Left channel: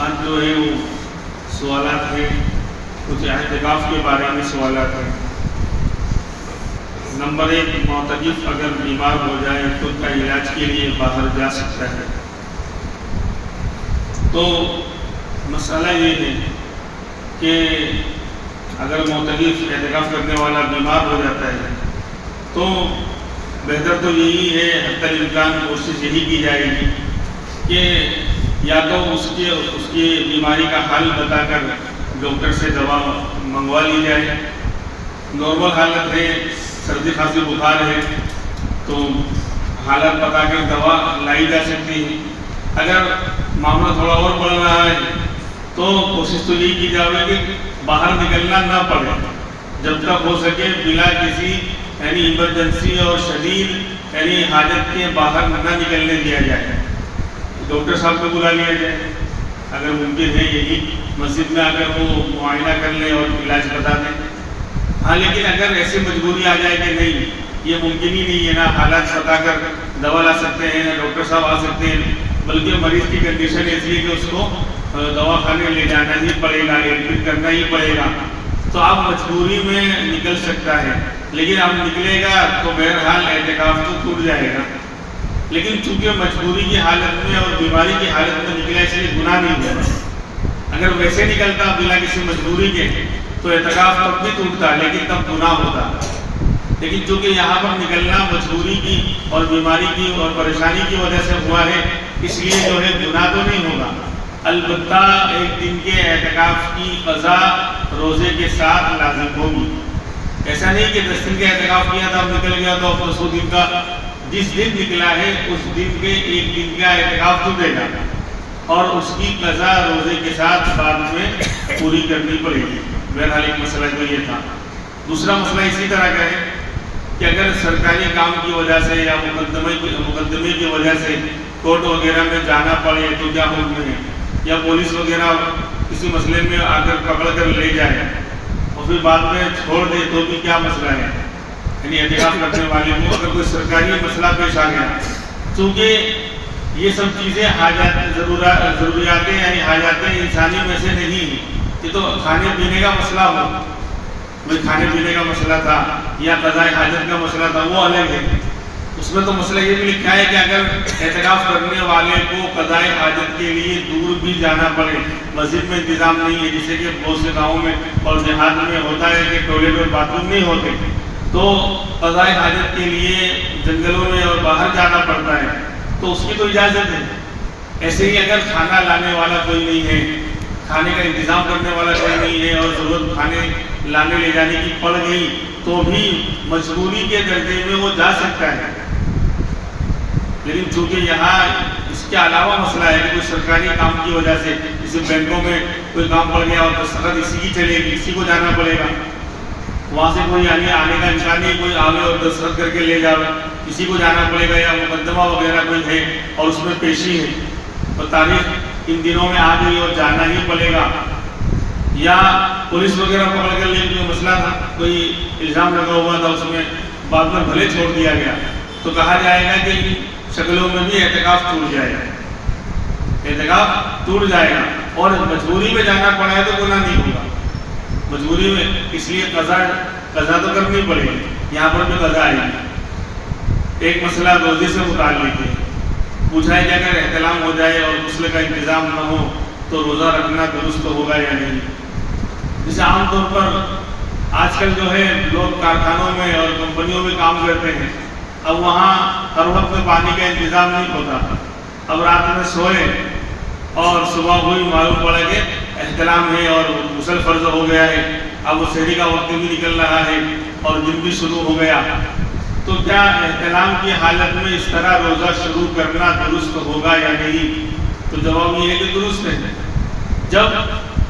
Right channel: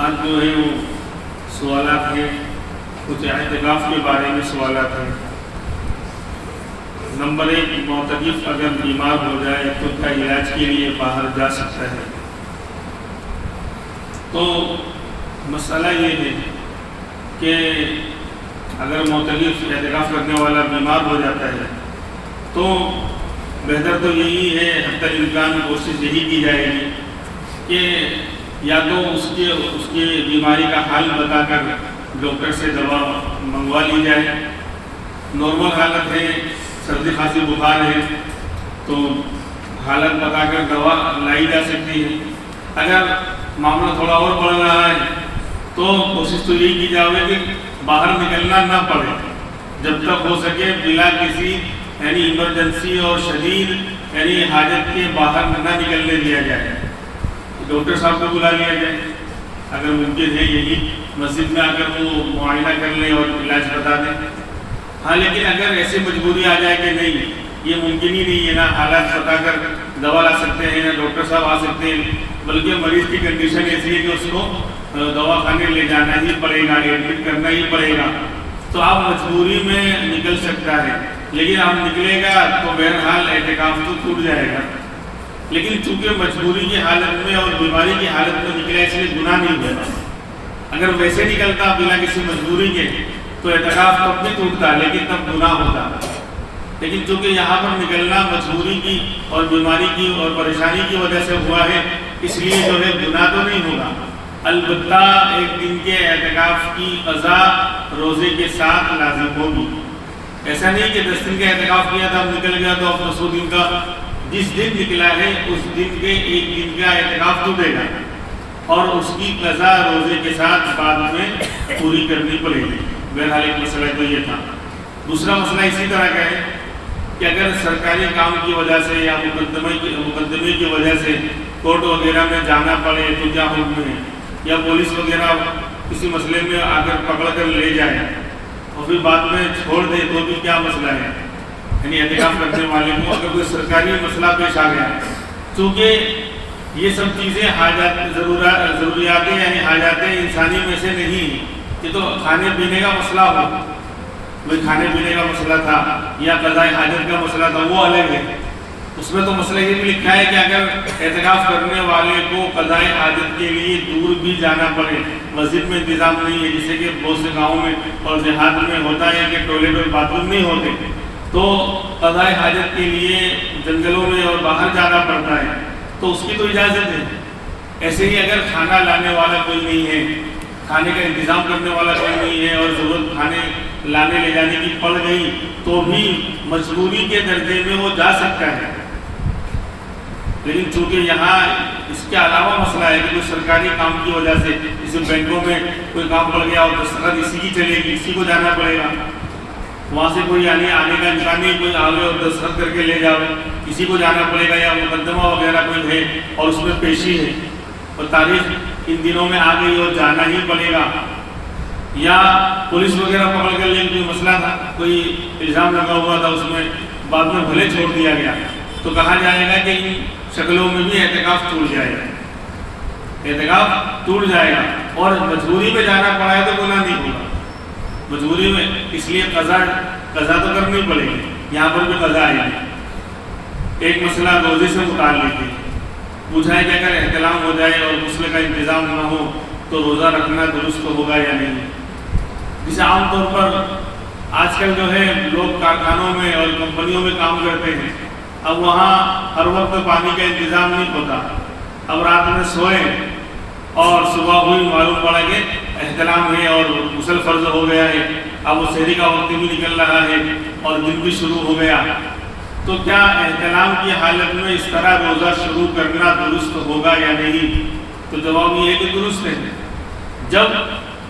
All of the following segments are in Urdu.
آج جو ہے وہ سوالات ہیں، کچھ اعتکاف کے بارے میں سوالات ہیں۔ نمبر 1، معتکف اگر بیمار ہو جائے تو کیا علاج کے لیے باہر جا سکتا ہے؟ تو مسئلہ یہ ہے کہ اگر معتکف اعتکاف کرنے والا بیمار ہو جاتا ہے تو بہتر تو یہی ہے، حتی الامکان کوشش یہی کی جائے گی کہ یا تو اس کی بیماری کا حل بتا کر ڈاکٹر سے دوا منگوا لی جائے۔ نارمل حالت ہے، سردی کھانسی بخار ہے تو حالت بتا کر دوا لائی جا سکتی ہے۔ اگر معاملہ تھوڑا اور بڑھ رہا ہے تو کوشش تو یہی کی جائے کہ باہر نکلنا نہ پڑے، جب تک ہو سکے بلا کسی یعنی ایمرجنسی اور شدید یعنی حاجت کے باہر نہ نکلنے دیا جائے۔ ڈاکٹر صاحب کو بلا لیا جائے، اگر ممکن ہے یہی مسجد میں آ کر وہ معائنہ کر لیں اور علاج بتا دیں۔ ہاں لیکن اگر ایسی مجبوری آ جائے کہ نہیں یہ ممکن ہی نہیں ہے، نہ حالات بتا کر دوا لا سکتے ہیں، نہ ڈاکٹر صاحب آ سکتے ہیں، بلکہ مریض کی کنڈیشن ایسی ہے کہ اس کو دوا خانے لے جانا ہی پڑے گا، ایڈمٹ کرنا ہی پڑے گا، تو آپ مجبوری میں نکل سکتا ہے۔ لیکن اب نکلے گا تو بہرحال اعتکاف تو ٹوٹ جائے گا۔ لیکن چونکہ مجبوری کی حالت میں اور بیماری کی حالت میں نکلا اس لیے گناہ نہیں ہوا۔ اگر ویسے نکلتا بلا کسی مجبوری کے تو اعتکاف تب بھی ٹوٹتا لیکن تب گناہ ہوتا۔ لیکن چونکہ یہاں پر نکلنا مجبوری کی اور بیماری کی اور پریشانی کی وجہ سے ہوا ہے، اس لیے جو ہے گناہ تو نہیں ہوگا۔ البتہ ایک دن کے اعتکاف کی قضا روزے کے ساتھ لازم ہوگی۔ ایسا نہیں کہ 10 دن کا اعتکاف کیا تھا اب نکل گیا تو اب 10 دن کا، جس دن نکلا ہے اس دن کے ایک دن کا اعتکاف ٹوٹے گا اور اس کی قضا روزے کے ساتھ بعد میں پوری کرنی پڑے گی۔ بہرحال ایک مسئلہ تو یہ تھا۔ دوسرا مسئلہ اسی طرح کا ہے کہ اگر سرکاری کام کی وجہ سے یا مقدمے کی وجہ سے کورٹ وغیرہ میں جانا پڑے تو کیا حکم ہے، یا پولیس وغیرہ کسی مسئلے میں آ کر پکڑ کر لے جائے اور پھر بعد میں چھوڑ دے تو بھی کیا مسئلہ ہے؟ یعنی اعتکاف کرنے والے کو اگر کوئی سرکاری مسئلہ پیش آ گیا، چونکہ یہ سب چیزیں ضروریات یعنی حاجات انسانی میں سے نہیں، یہ تو کھانے پینے کا مسئلہ ہو، کوئی کھانے پینے کا مسئلہ تھا یا قضاء حاجت کا مسئلہ تھا وہ الگ ہے۔ اس میں تو مسئلہ یہ بھی لکھا ہے کہ اگر اعتکاف کرنے والے کو قضاء حاجت کے لیے دور بھی جانا پڑے، مسجد میں انتظام نہیں ہے، جیسے کہ بہت سے گاؤں میں اور دیہات میں ہوتا ہے کہ ٹوائلٹ اور باتھ روم نہیں ہوتے، تو قضاء حاجت کے لیے جنگلوں میں اور باہر جانا پڑتا ہے تو اس کی تو اجازت ہے۔ ایسے ہی اگر کھانا لانے والا کوئی نہیں ہے، کھانے کا انتظام کرنے والا کوئی نہیں ہے اور ضرورت کھانے لانے لے جانے کی پڑ گئی تو بھی مجبوری کے درجے میں وہ جا سکتا ہے۔ لیکن چونکہ یہاں اس کے علاوہ مسئلہ ہے کہ کوئی سرکاری کام کی وجہ سے جیسے بینکوں میں کوئی کام پڑ گیا اور دستخط اسی کی چلے گی، اسی کو جانا پڑے گا، وہاں سے کوئی یعنی آنے کا امکان نہیں، کوئی آوے اور دستخط کر کے لے جاوے، کسی کو جانا پڑے گا، یا مقدمہ وغیرہ کوئی ہے اور اس میں پیشی ہے اور تاریخ ان دنوں میں آ گئی اور جانا ہی پڑے گا، یا پولیس وغیرہ پکڑ کر لے کوئی مسئلہ تھا، کوئی الزام لگا ہوا تھا، اس میں بعد میں بھلے چھوڑ دیا گیا، تو کہا جائے گا کہ ان شکلوں میں بھی اعتکاف ٹوٹ جائے گا، اعتکاف ٹوٹ جائے گا۔ اور مجبوری میں جانا پڑا ہے تو گناہ نہیں ہوگا، مجبوری میں اس لیے قضا تو کرنی پڑے گی، یہاں پر بھی قضا آئے گی۔ ایک مسئلہ روزے سے متعلق ہے، پوچھا ہے کہ اگر احتلام ہو جائے اور غسل کا انتظام نہ ہو تو روزہ رکھنا درست ہوگا یا نہیں؟ جسے عام طور پر آج کل جو ہے لوگ کارخانوں میں اور کمپنیوں میں کام کرتے ہیں، اب وہاں ہر وقت پانی کا انتظام نہیں ہوتا، اب رات میں سوئے اور صبح ہوئی معلوم پڑا کہ احتلام ہے اور غسل فرض ہو گیا ہے، اب وہ سحری کا وقت بھی نکل رہا ہے اور دن بھی شروع ہو گیا، تو کیا احتلام کی حالت میں اس طرح روزہ شروع کرنا درست ہوگا یا نہیں؟ تو جواب یہ ہے کہ درست ہے۔ جب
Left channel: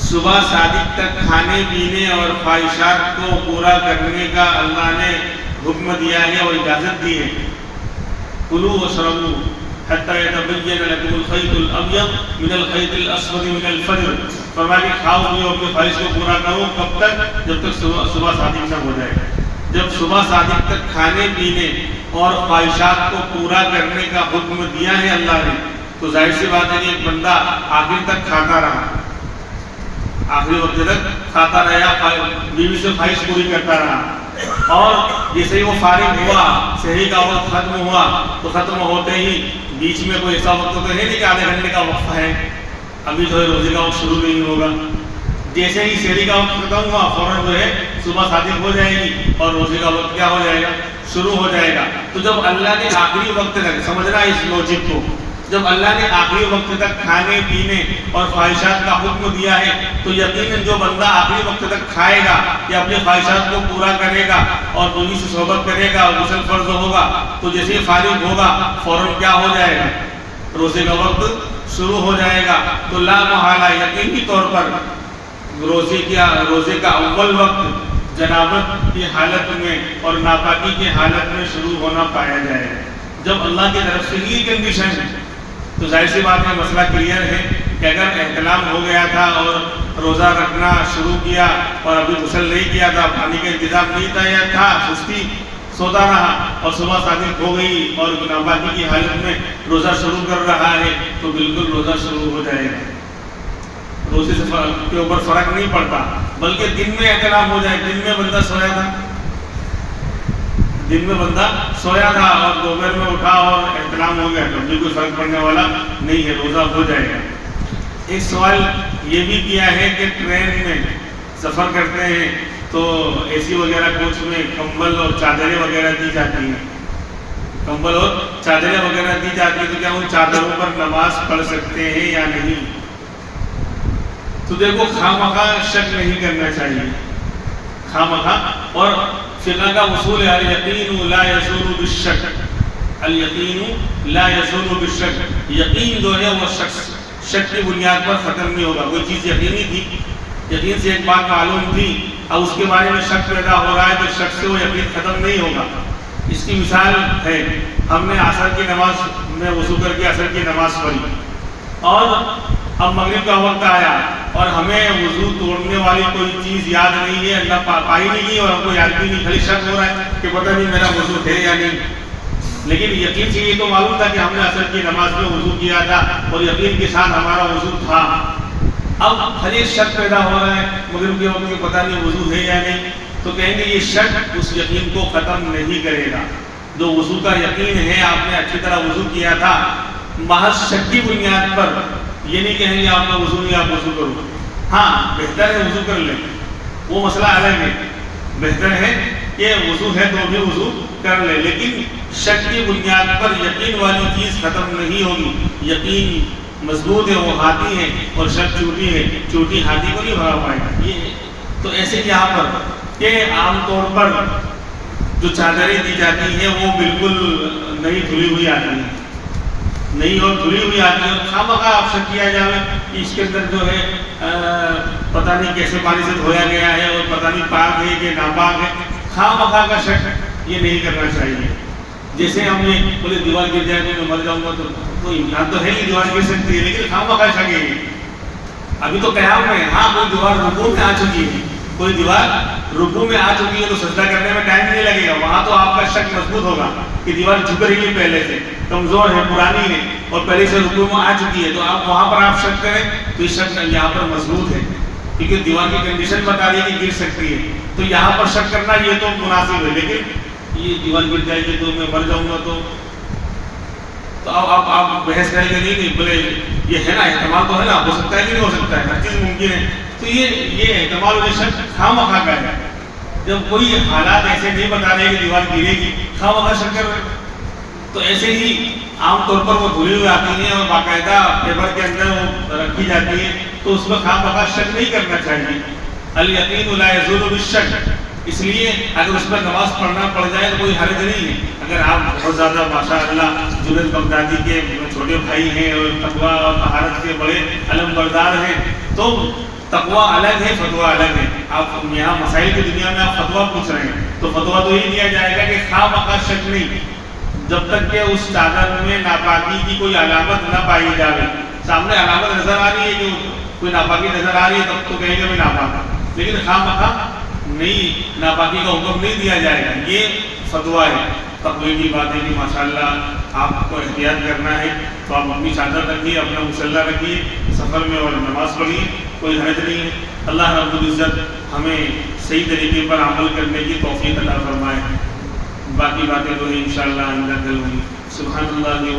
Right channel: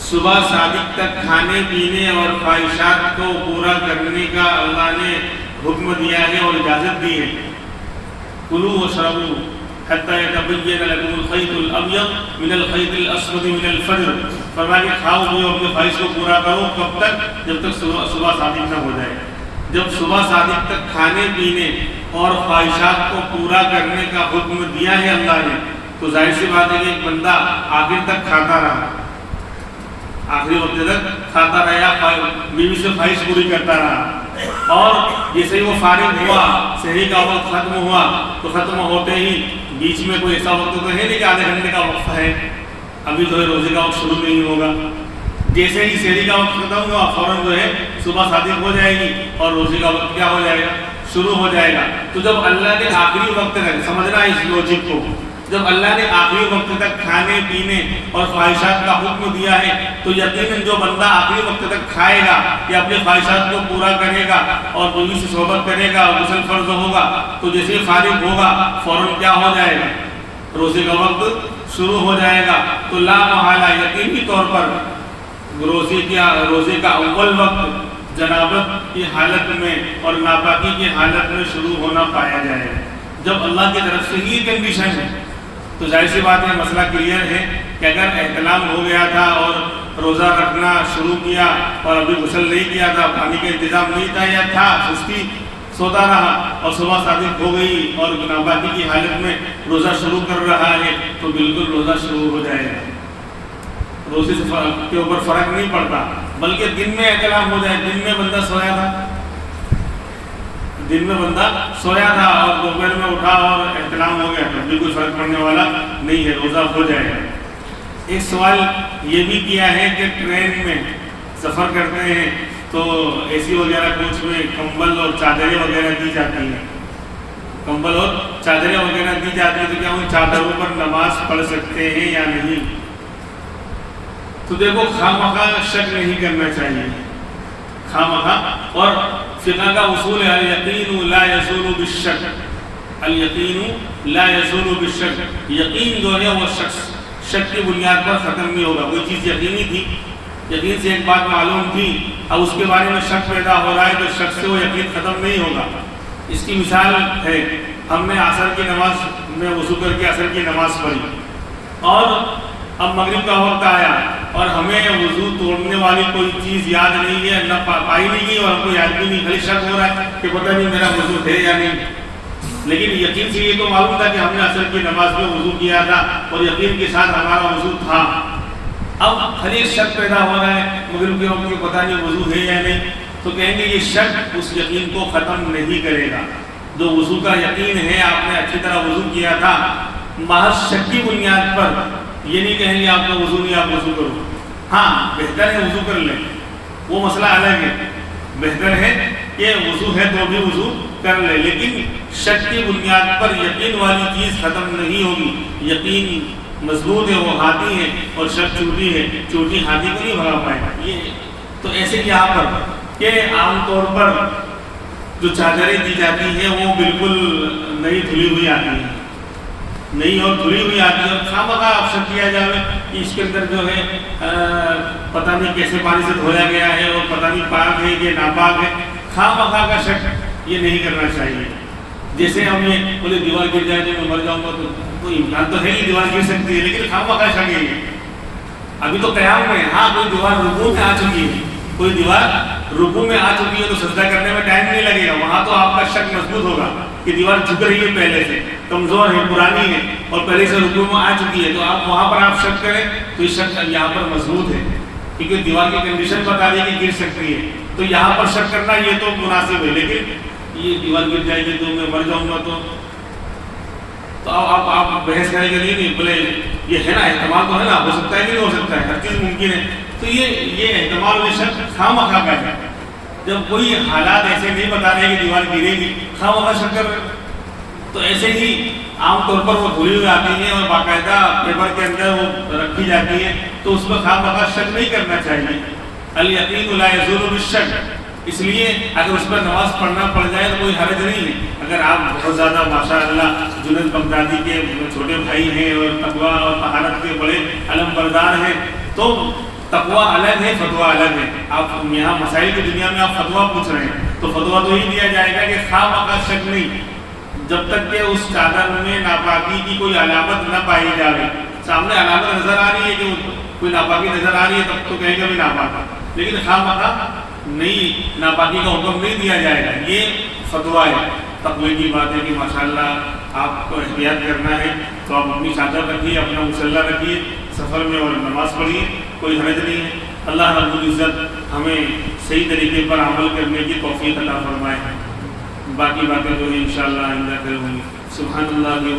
صبح صادق تک کھانے پینے اور خواہشات کو پورا کرنے کا اللہ نے حکم دیا ہے اور اجازت دی ہے، کلوا واشربوا حتی یتبین لکم الخیط الابیض من الخیط الاسود من الفجر، فرمایا کہ کھاؤ پیو اپنی خواہش کو پورا کرو، کب تک؟ جب تک صبح صادق نہ ہو جائے۔ جب صبح صادق تک کھانے پینے اور خواہشات کو پورا کرنے کا حکم دیا ہے اللہ نے، تو ظاہر سی بات ہے کہ ایک بندہ آخر تک کھاتا رہا، آخری وقت تک کھاتا رہا، بیوی سے خواہش پوری کرتا رہا، اور جیسے ہی وہ فارغ ہوا، سحری کا وقت ختم ہوا، تو ختم ہوتے ہی بیچ میں کوئی ایسا وقت تو ہے نہیں کہ آدھے گھنٹے کا وقفہ ہے، ابھی جو ہے روزے کا وقت شروع نہیں ہوگا، جیسے ہی سحری کا وقت ختم ہوا فوراً جو ہے صبح صادق ہو جائے گی اور روزے کا وقت کیا ہو جائے گا، شروع ہو جائے گا۔ تو جب اللہ نے آخری وقت تک، سمجھنا اس لوجک کو، جب اللہ نے آخری وقت تک کھانے پینے اور خواہشات کا حکم دیا ہے تو یقیناً جو بندہ آخری وقت تک کھائے گا یا اپنی خواہشات کو پورا کرے گا اور بیوی سے صحبت کرے گا، غسل فرض ہوگا، تو جیسے ہی فارغ ہوگا فوراً کیا ہو جائے گا، روزے کا وقت شروع ہو جائے گا۔ تو لا محالہ یقینی طور پر روزے کا اول وقت جنابت کی حالت میں اور ناپاکی کی حالت میں شروع ہونا پایا جائے گا۔ جب اللہ کی طرف سے یہ کنڈیشن ہے تو ظاہر سی بات ہے، مسئلہ کلیئر ہے کہ اگر احتلام ہو گیا تھا اور روزہ رکھنا شروع کیا اور ابھی غسل نہیں کیا تھا، پانی کا انتظام نہیں تھا یا تھا، سستی سوتا رہا اور صبح صادق ہو گئی اور ناپاکی کی حالت میں روزہ شروع کر رہا ہے، تو بالکل روزہ شروع ہو جائے گا، روزے سے کے اوپر فرق نہیں پڑتا، بلکہ دن میں احتلام ہو جائے، دن میں بندہ سویا تھا اور دوپہر میں اٹھا اور احتلام ہو گیا، تو بھی کوئی فرق پڑنے والا نہیں ہے، روزہ ہو جائے گا۔ ایک سوال یہ بھی کیا ہے کہ ٹرین میں سفر کرتے ہیں تو اے سی وغیرہ کوچ میں کمبل اور چادریں وغیرہ دی جاتی ہیں، تو کیا ان چادروں پر نماز پڑھ سکتے ہیں یا نہیں؟ تو دیکھو، خواہ شک نہیں کرنا چاہیے، اور فقہ کا اصول ہے الیقین لا یزول بالشک، یقین جو ہے وہ شک کی بنیاد پر ختم نہیں ہوگا۔ کوئی چیز یقینی تھی، یقین سے ایک بات معلوم تھی، اب اس کے بارے میں شک پیدا ہو رہا ہے تو شک سے وہ یقین ختم نہیں ہوگا۔ اس کی مثال ہے، ہم نے عصر کی نماز میں وضو کر کے عصر کی نماز پڑھی اور اب مغرب کا وقت آیا اور ہمیں وضو توڑنے والی کوئی چیز یاد نہیں ہے، نہ پائی نہیں گئی اور ہم کو یاد بھی نہیں، خالی شک ہو رہا ہے کہ پتہ نہیں میرا وضو ہے یا نہیں، لیکن یقین سے یہ تو معلوم تھا کہ ہم نے عصر کی نماز میں وضو کیا تھا اور یقین کے ساتھ ہمارا وضو تھا۔ اب خالی شک پیدا ہو رہا ہے مغرب کے وقت کہ پتہ نہیں وضو ہے یا نہیں، تو کہیں گے یہ شک اس یقین کو ختم نہیں کرے گا۔ جو وضو کا یقین ہے، آپ نے اچھی طرح وضو کیا تھا، محض شک کی بنیاد پر یہ نہیں کہیں گے آپ کا وضو نہیں، آپ وضو کرو، ہاں بہتر ہے وضو کر لیں، وہ مسئلہ الگ ہے، بہتر ہے کہ وضو ہے تو بھی وضو کر لے، لیکن شک کی بنیاد پر یقین والی چیز ختم نہیں ہوگی۔ یقین مضبوط ہے، وہ ہاتھی ہے اور شک چوٹی ہے، چوٹی ہاتھی کو نہیں بھگا پائے گا۔ یہ تو ایسے یہاں پر کہ عام طور پر جو چادریں دی جاتی ہیں وہ بالکل نئی دھلی ہوئی آتی ہیں، نئی اور دھلی ہوئی آتی ہے، اور خواہ آپ شک کیا جائے کہ اس کے اندر جو ہے پتہ نہیں کیسے پانی سے دھویا گیا ہے اور پتہ نہیں پاک ہے کہ ناپاک ہے، خواہ کا شک یہ نہیں کرنا چاہیے۔ جیسے ہم یہ بولے دیوار گر جائے تو میں مر جاؤں گا، تو کوئی امکان تو ہے نہیں دیوار گر سکتی ہے، لیکن خواہ کا شک ہے۔ ابھی تو قیام میں ہاں کوئی دیوار رکوع میں آ چکی ہے، کوئی دیوار رکوع میں آ چکی ہے تو سجدہ کرنے میں ٹائم نہیں لگے گا، وہاں تو آپ کا شک مضبوط ہوگا کہ دیوار جھک رہی ہے، پہلے سے کمزور ہے، پرانی ہے اور پہلے سے رکوع میں آ چکی ہے، تو آپ وہاں پر آپ شک کریں تو یہ شک یہاں پر مضبوط ہے، کیونکہ دیوار کی کنڈیشن بتا رہی ہے کہ گر سکتی ہے، تو یہاں پر شک کرنا یہ تو مناسب ہے، لیکن یہ دیوار گر جائے گی تو میں مر جاؤں گا تو آپ بحث کریں گے نہیں، بولے یہ ہے نا احتمال تو ہے نا، ہو سکتا ہے کہ نہیں ہو سکتا ہے، ہر چیز ممکن ہے، تو یہ احتمال اور شک خواہ کا ہے۔ جب کوئی حالات ایسے نہیں بتا رہے کہ دیوار گرے گی، خواہ شک کر رہے، تو ایسے ہی عام طور پر وہ دھلی ہوئی آتی ہیں اور باقاعدہ پیپر کے اندر وہ رکھی جاتی ہے، تو اس میں خواہ شک نہیں کرنا چاہیے۔ الیقین لا یزول بالشک، اس لیے اگر اس پر نماز پڑھنا پڑ جائے تو کوئی حرج نہیں ہے۔ اگر آپ بہت زیادہ ماشاء اللہ جنید بغدادی کے چھوٹے بھائی ہیں اور تقویٰ اور طہارت کے بڑے علم بردار ہیں، تو تقویٰ الگ ہے، فتویٰ الگ ہے۔ آپ یہاں مسائل کی دنیا میں آپ فتویٰ پوچھ رہے ہیں تو فتویٰ تو ہی دیا جائے گا کہ خواہ شک نہیں، جب تک کہ اس چادر میں ناپاکی کی کوئی علامت نہ پائی جائے۔ سامنے علامت نظر آ رہی ہے کہ کوئی ناپاکی نظر آ رہی ہے تب تو کہیں گے بھی ناپاک، لیکن خواہ نہیں، ناپاکی کا حکم نہیں دیا جائے گا۔ یہ فتویٰ ہے، تقوی کی بات ہے کہ ماشاءاللہ آپ کو احتیاط کرنا ہے تو آپ اپنی چادر رکھیے، اپنا مصلی رکھیے، سفر میں اور نماز پڑھیے، کوئی حرج نہیں ہے۔ اللہ رب العزت ہمیں صحیح طریقے پر عمل کرنے کی توفیق عطا فرمائے۔ باقی باتیں تو انشاءاللہ آئندہ کروں گی۔ سبحان اللہ